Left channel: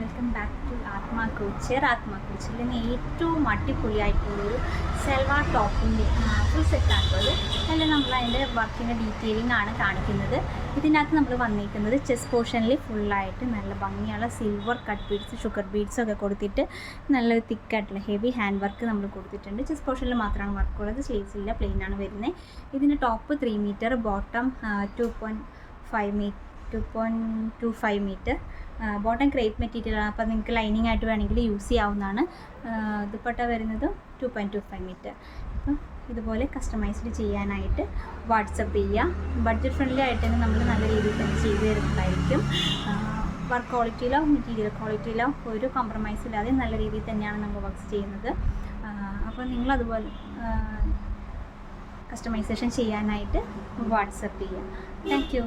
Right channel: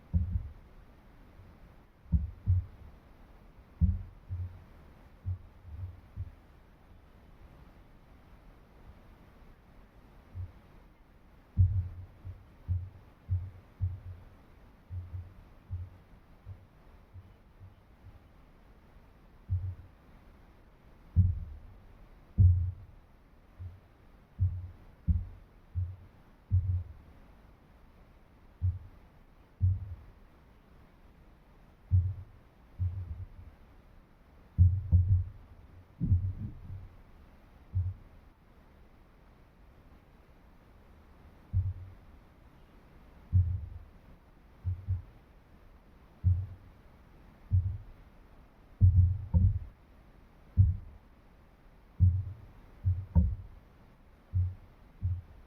Welcome back to ആത്മാ കൂച്ചർ. ആത്മാ കൂച്ചറിൽ ഏറ്റവും അടിപൊളിയായിട്ടുള്ളൊരു സെൽവാർ ടോപ്പിൻ്റെ ഫുൾ സെറ്റാണുള്ളത്. അതിൽ നമ്മൾ അതിൻ്റെ വർക്കിൻ്റെ ഡീറ്റെയിലിംഗ് ആണ് കാണിക്കുന്നത്. ഇതിനകത്ത് നമ്മൾ വന്നിരിക്കുന്നത് ചെസ്റ്റ് പോർഷനിൽ ഫുള്ളായിട്ട് നല്ല ഭംഗിയുള്ള സിൽവർ കട്ട് ബീഡ്സ്, ഷുഗർ ബീഡ്സൊക്കെ കൊടുത്തിട്ട് നല്ലൊരു തിക്കായിട്ടുള്ള ഹെവി ഹാൻഡ് വർക്ക് നമ്മൾ കൊടുത്തിട്ടുണ്ട്. ചെസ്റ്റ് പോർഷനിൽ മാത്രമാണ് വർക്കുള്ളത്, സ്ലീവ്സില്ല, പ്ലെയിൻ ആണ് വരുന്നത്. ഇതിന് top 3 metre, bottom 2.25 metre. Bottom crepe മെറ്റീരിയലാണ്, അപ്പോൾ നിങ്ങൾക്ക് ലൈനിങ് ആയിട്ട് വേണമെങ്കിൽ യൂസ് ചെയ്യാവുന്നതാണ്. ദുപ്പട്ട വരുന്നത് 2.25 മീറ്റർ. അപ്പം ഇതുപോലെ കസ്റ്റമൈസ്ഡ് ചെയ്യാനായിട്ട് വാട്സപ്പ് ചെയ്യുക. ബഡ്ജറ്റ് ഫ്രണ്ട്ലി ആയിട്ട് തന്നെ നമ്മൾ നല്ല രീതിയിൽ തന്നെ ചെയ്തു തരുന്നതായിരിക്കും. വർക്ക് ക്വാളിറ്റിയിലോ മെറ്റീരിയൽ ക്വാളിറ്റിയിലോ ഒരു കോംപ്രമൈസ് ഇല്ലാതെ നല്ല രീതിയിൽ തന്നെയാണ് നമ്മൾ വർക്ക് ചെയ്യുന്നത്. അപ്പോൾ നിങ്ങളതുപോലെ കസ്റ്റമൈസേഷൻ ചെയ്യാനായിട്ട് വാട്സപ്പ് ചെയ്യുക. Thank you.